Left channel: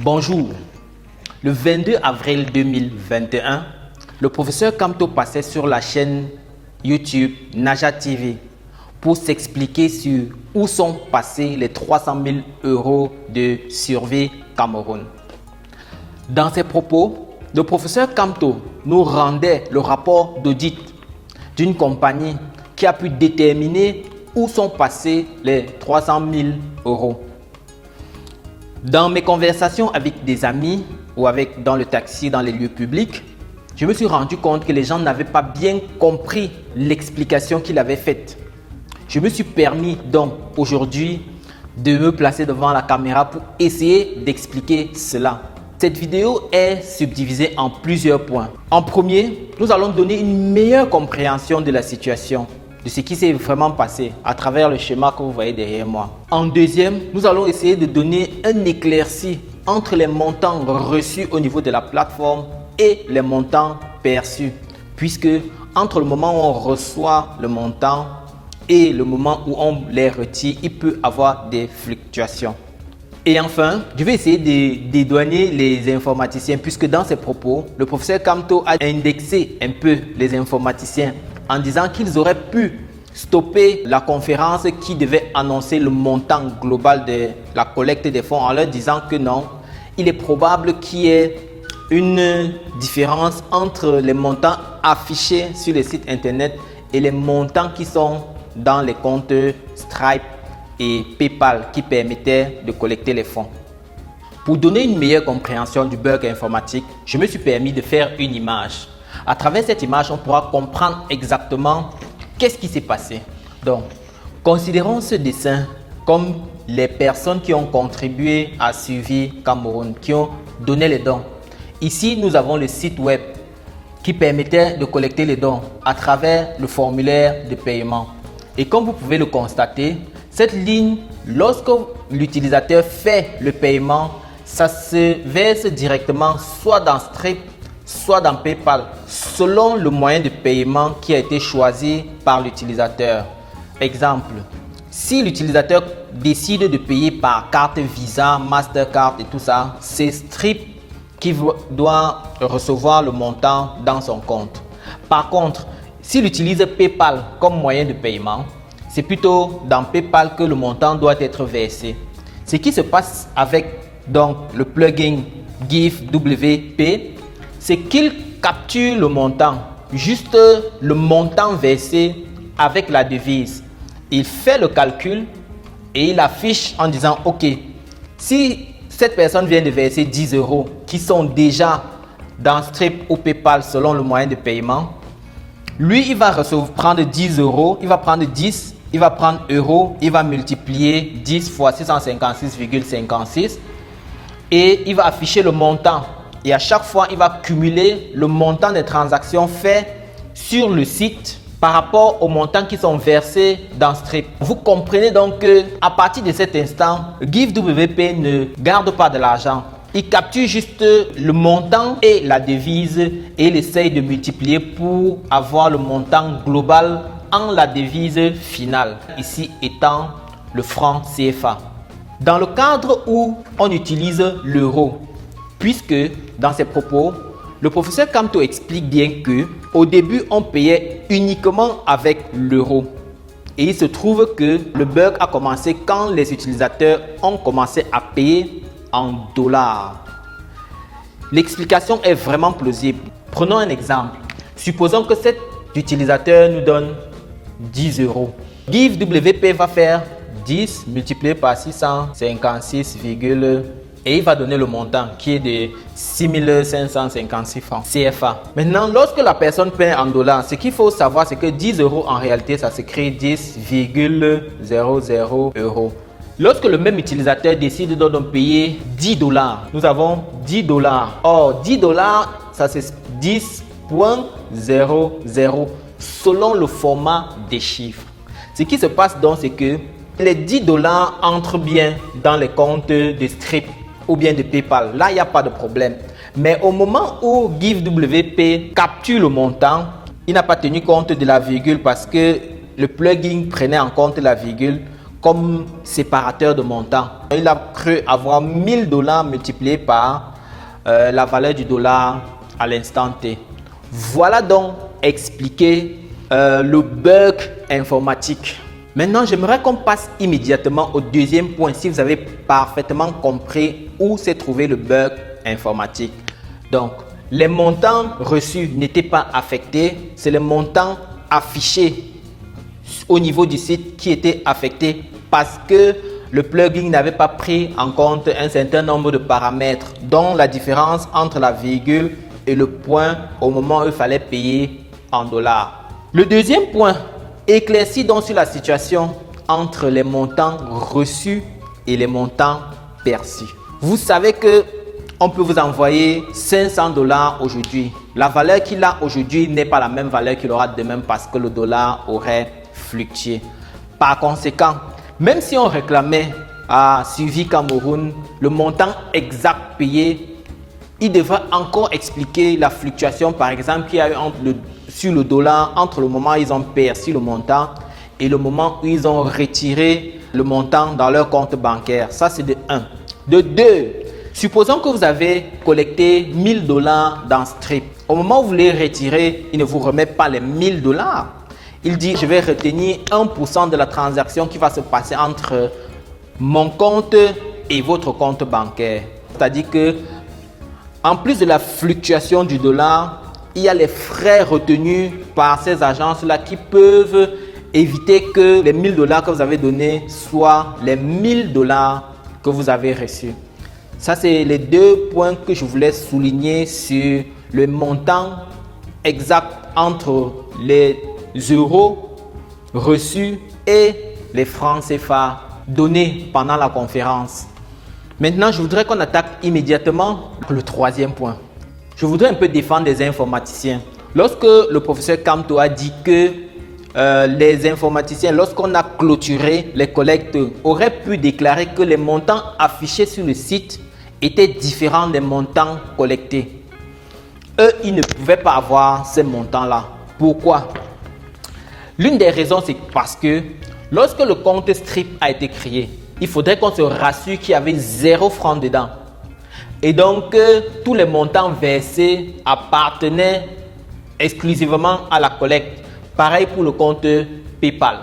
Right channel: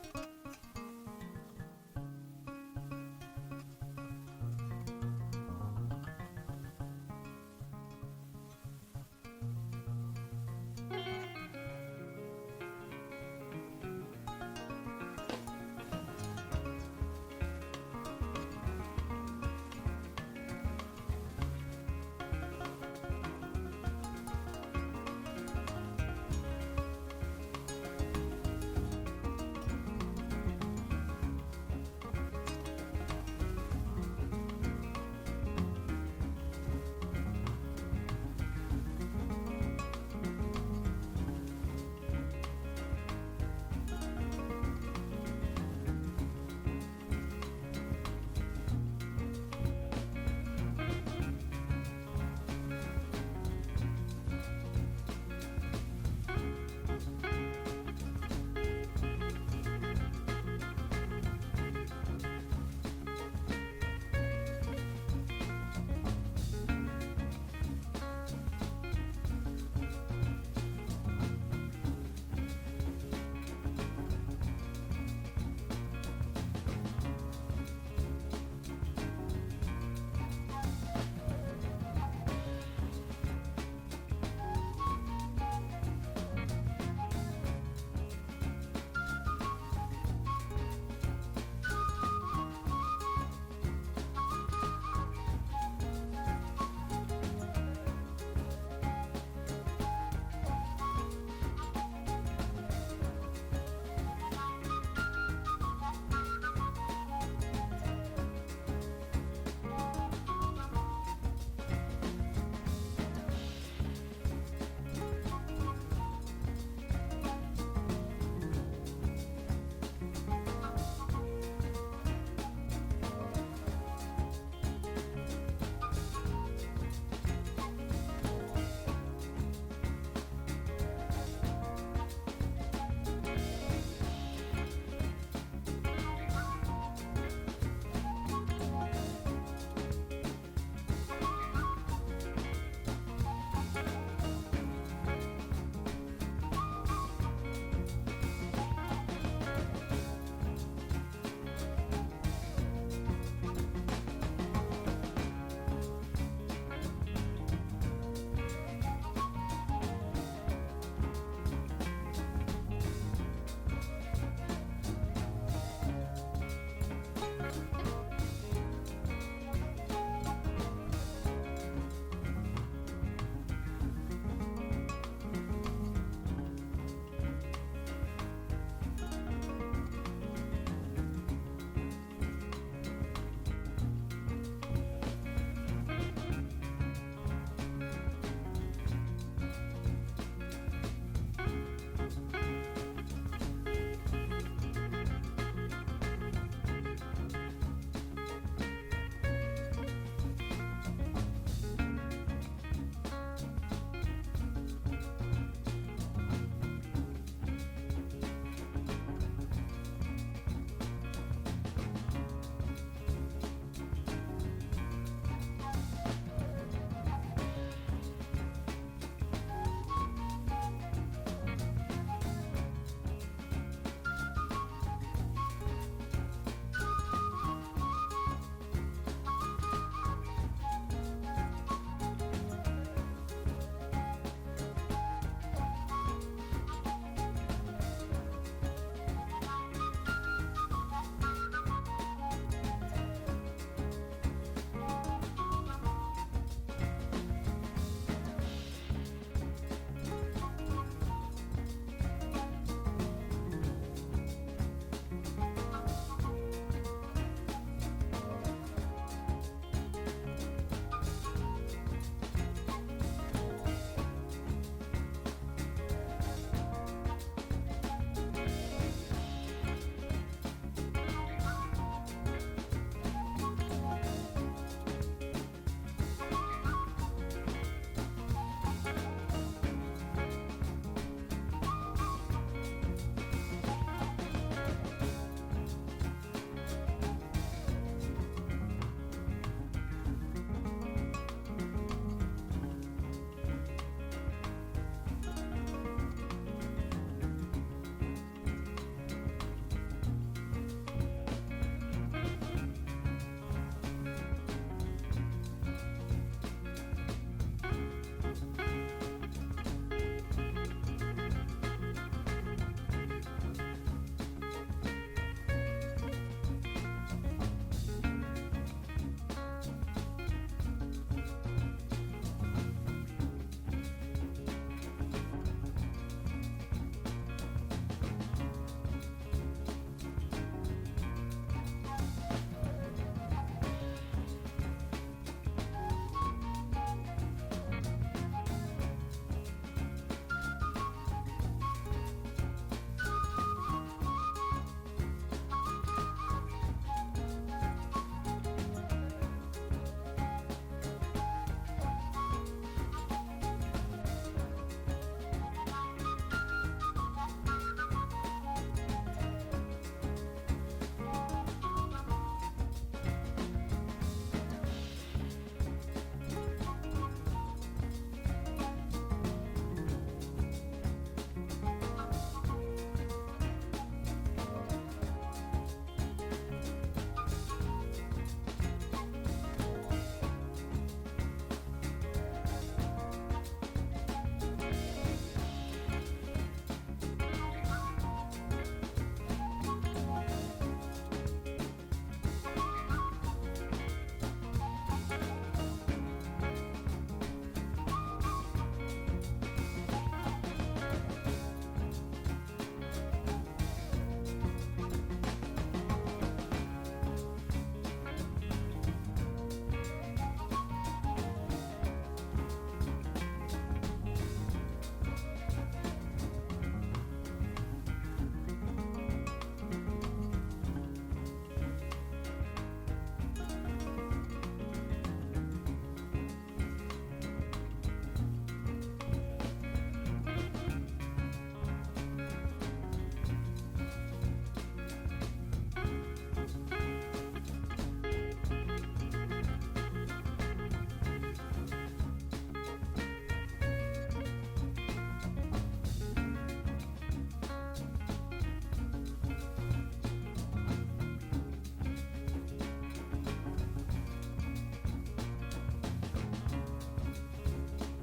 Bonjour. Le 22 avril 2021, le professeur Kamto passait sur la chaîne YouTube Naja TV pour s'expliquer sur où sont passés les 300 000 € de Survie Cameroun. Dans ses propos, le professeur Kamto nous rendait le rapport d'audit d'une compagnie qui a pu déterminer où sont passés les 300 000 €. Dans mes conversations avec des amis ou dans le taxi, dans les lieux publics, je me suis rendu compte que les gens n'avaient pas bien compris l'explication qu'il avait faite. Je me suis permis donc aujourd'hui de me placer devant la caméra pour essayer d'expliquer cela. Cette vidéo est subdivisée en plusieurs points. En premier, nous allons donner une meilleure compréhension de la situation, de ce qui s'est vraiment passé à travers le schéma que vous voyez derrière moi. En deuxième, nous allons essayer de donner un éclairci entre les montants reçus au niveau de la plateforme et les montants perçus, puisque entre le moment où on reçoit le montant et le moment où on les retire, il peut y avoir des fluctuations. Et enfin, je vais essayer de dédouaner les informaticiens, puisque dans ses propos, le professeur Kamto a indexé un peu les informaticiens en disant qu'ils auraient pu stopper la conférence qui devait annoncer le montant global de la collecte des fonds en leur disant que non, il est probable qu'il y ait une différence entre les montants affichés sur les sites internet et les montants qui sont dans les comptes Stripe et PayPal qui permettaient de collecter les fonds. Pour donner une meilleure compréhension du bug informatique, je me suis permis de faire une image. À travers cette image, on pourra comprendre exactement qu'est-ce qui s'est passé. Donc, considérons ce dessin comme les personnes qui ont contribué à Survie Cameroun, qui ont donné les dons. Ici, nous avons le site web qui permettait de collecter les dons à travers le formulaire de paiement. Et comme vous pouvez le constater, cette ligne, lorsque l'utilisateur fait le paiement, ça se verse directement soit dans Stripe, soit dans PayPal, selon le moyen de paiement qui a été choisi par l'utilisateur. Exemple, si l'utilisateur décide de payer par carte Visa, Mastercard et tout ça, c'est Stripe qui doit recevoir le montant dans son compte. Par contre, s'il utilise PayPal comme moyen de paiement, c'est plutôt dans PayPal que le montant doit être versé. Ce qui se passe avec donc, le plugin GiveWP, c'est qu'il capture le montant, juste le montant versé avec la devise. Il fait le calcul et il affiche en disant ok, si cette personne vient de verser 10 € qui sont déjà dans Stripe ou PayPal selon le moyen de paiement, lui il va prendre 10 €, il va prendre 10, il va prendre euros, il va multiplier 10 fois 656,56 et il va afficher le montant. Et à chaque fois, il va cumuler le montant des transactions faites sur le site par rapport aux montants qui sont versés dans Stripe. Vous comprenez donc qu'à partir de cet instant, GiveWP ne garde pas de l'argent. Il capture juste le montant et la devise et il essaye de multiplier pour avoir le montant global en la devise finale, ici étant le franc CFA. Dans le cadre où on utilise l'euro, puisque dans ses propos, le professeur Kamto explique bien que au début, on payait uniquement avec l'euro. Et il se trouve que le bug a commencé quand les utilisateurs ont commencé à payer en dollars. L'explication est vraiment plausible. Prenons un exemple. Supposons que cet utilisateur nous donne 10 €. GiveWP va faire 10 multiplié par 656, et il va donner le montant qui est de 6 556 francs CFA. Maintenant, lorsque la personne paie en dollars, ce qu'il faut savoir, c'est que 10 € en réalité, ça s'écrit 10,00 €. Lorsque le même utilisateur décide de payer 10 $, nous avons 10 $. Or, 10 $, ça c'est 10,00 selon le format des chiffres. Ce qui se passe donc, c'est que les 10 $ entrent bien dans les comptes de Stripe ou bien de PayPal. Là, il n'y a pas de problème. Mais au moment où GiveWP capture le montant, il n'a pas tenu compte de la virgule parce que le plugin prenait en compte la virgule. comme séparateur de montant. Il a cru avoir 1000 $ multipliés par la valeur du dollar à l'instant T. Voilà donc expliquer le bug informatique. Maintenant, j'aimerais qu'on passe immédiatement au deuxième point si vous avez parfaitement compris où s'est trouvé le bug informatique. Donc, les montants reçus n'étaient pas affectés, c'est les montants affichés au niveau du site qui étaient affectés parce que le plugin n'avait pas pris en compte un certain nombre de paramètres, dont la différence entre la virgule et le point au moment où il fallait payer en dollars. Le deuxième point éclaircit donc sur la situation entre les montants reçus et les montants perçus. Vous savez que on peut vous envoyer 500 $ aujourd'hui. La valeur qu'il a aujourd'hui n'est pas la même valeur qu'il aura demain parce que le dollar aurait fluctué. Par conséquent, même si on réclamait à Suivi Cameroun le montant exact payé, il devra encore expliquer la fluctuation, par exemple, qu'il y a eu sur le dollar entre le moment où ils ont perçu le montant et le moment où ils ont retiré le montant dans leur compte bancaire. Ça, c'est de 1. De 2, supposons que vous avez collecté 1000 $ dans Strip. Au moment où vous les retirez, il ne vous remet pas les 1000 $. Il dit, je vais retenir 1% de la transaction qui va se passer entre mon compte et votre compte bancaire. C'est-à-dire que en plus de la fluctuation du dollar, il y a les frais retenus par ces agences-là qui peuvent éviter que les 1000 $ que vous avez donnés soient les 1000 $ que vous avez reçus. Ça, c'est les deux points que je voulais souligner sur le montant exact entre les euros reçus et les francs CFA donnés pendant la conférence. Maintenant, je voudrais qu'on attaque immédiatement le troisième point. Je voudrais un peu défendre les informaticiens. Lorsque le professeur Kamto a dit que les informaticiens, lorsqu'on a clôturé les collectes, auraient pu déclarer que les montants affichés sur le site étaient différents des montants collectés. Eux, ils ne pouvaient pas avoir ces montants-là. Pourquoi? L'une des raisons, c'est parce que lorsque le compte Strip a été créé, il faudrait qu'on se rassure qu'il y avait 0 francs dedans. Et donc, tous les montants versés appartenaient exclusivement à la collecte. Pareil pour le compte PayPal.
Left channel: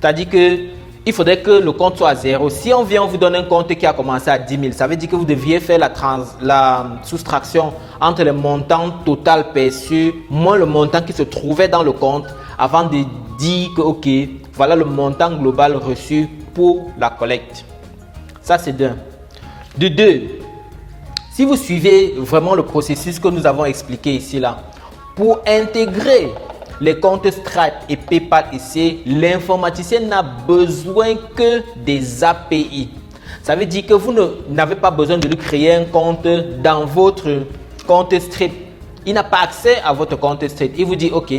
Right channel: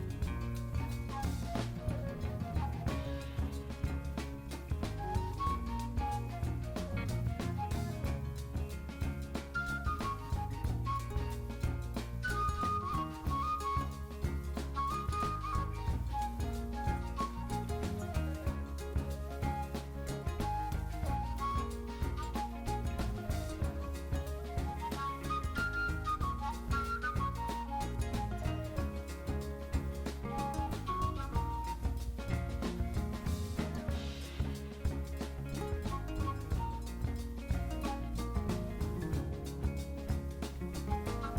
C'est-à-dire qu'il faudrait que le compte soit à 0. Si on vient, on vous donne un compte qui a commencé à 10 000, ça veut dire que vous deviez faire la soustraction entre le montant total perçu moins le montant qui se trouvait dans le compte avant de dire que, ok, voilà le montant global reçu pour la collecte. Ça, c'est d'un. De 2, si vous suivez vraiment le processus que nous avons expliqué ici, là, pour intégrer les comptes Stripe et PayPal ici, l'informaticien n'a besoin que des API. Ça veut dire que vous n'avez pas besoin de lui créer un compte dans votre compte Stripe. Il n'a pas accès à votre compte Stripe. Il vous dit, ok,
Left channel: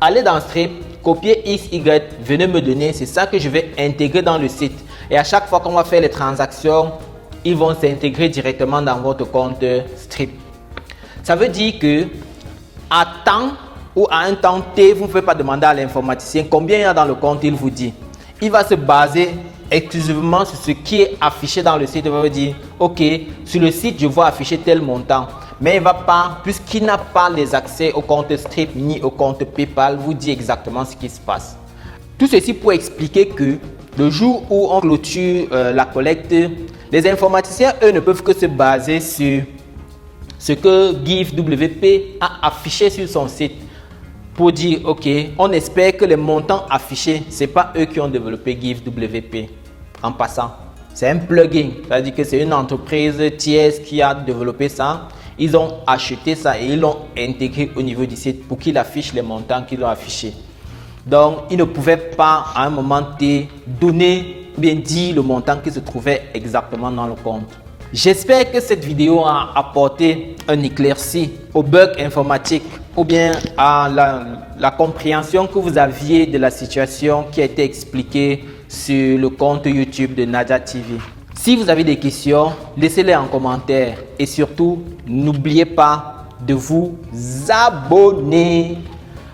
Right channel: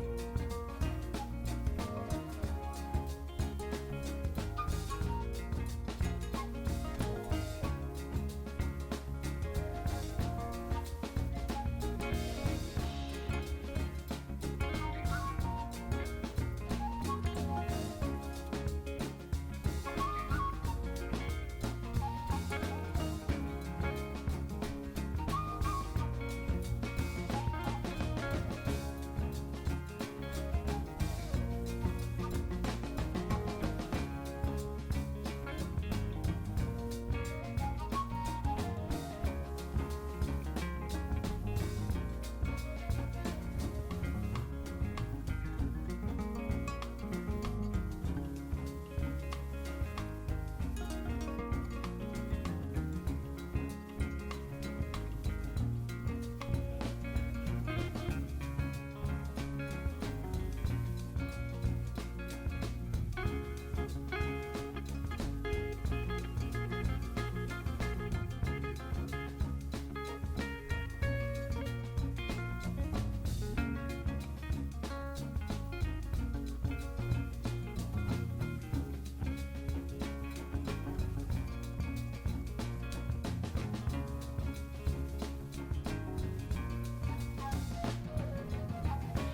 allez dans Stripe, copiez X, Y, venez me donner, c'est ça que je vais intégrer dans le site. Et à chaque fois qu'on va faire les transactions, ils vont s'intégrer directement dans votre compte Strip. Ça veut dire que à temps ou à un temps T, vous ne pouvez pas demander à l'informaticien combien il y a dans le compte, il vous dit. Il va se baser exclusivement sur ce qui est affiché dans le site. Il va vous dire, ok, sur le site, je vois afficher tel montant. Mais il ne va pas, puisqu'il n'a pas les accès au compte Strip ni au compte PayPal, vous dit exactement ce qui se passe. Tout ceci pour expliquer que le jour où on clôture la collecte, les informaticiens, eux, ne peuvent que se baser sur ce que GiveWP a affiché sur son site pour dire, ok, on espère que les montants affichés, ce n'est pas eux qui ont développé GiveWP. En passant, c'est un plugin, c'est-à-dire que c'est une entreprise tierce qui a développé ça. Ils ont acheté ça et ils l'ont intégré au niveau du site pour qu'il affiche les montants qu'ils ont affichés. Donc, ils ne pouvaient pas à un moment T donner, bien dire le montant qui se trouvait exactement dans le compte. J'espère que cette vidéo a apporté un éclairci au bug informatique ou bien à la compréhension que vous aviez de la situation qui a été expliquée sur le compte YouTube de Naja TV. Si vous avez des questions, laissez-les en commentaire et surtout, n'oubliez pas de vous abonner.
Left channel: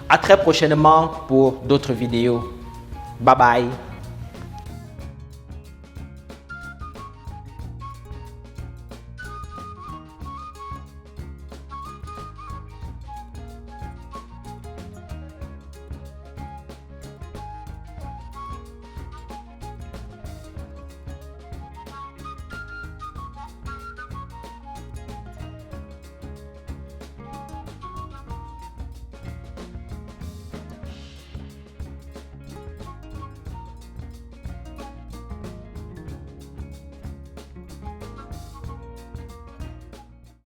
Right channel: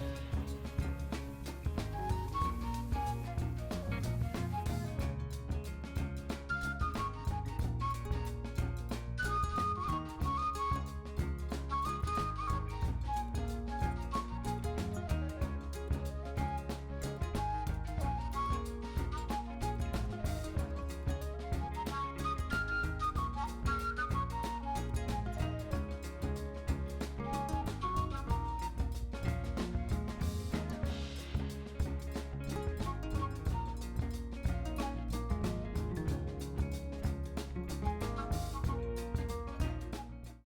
À très prochainement pour d'autres vidéos. Bye bye.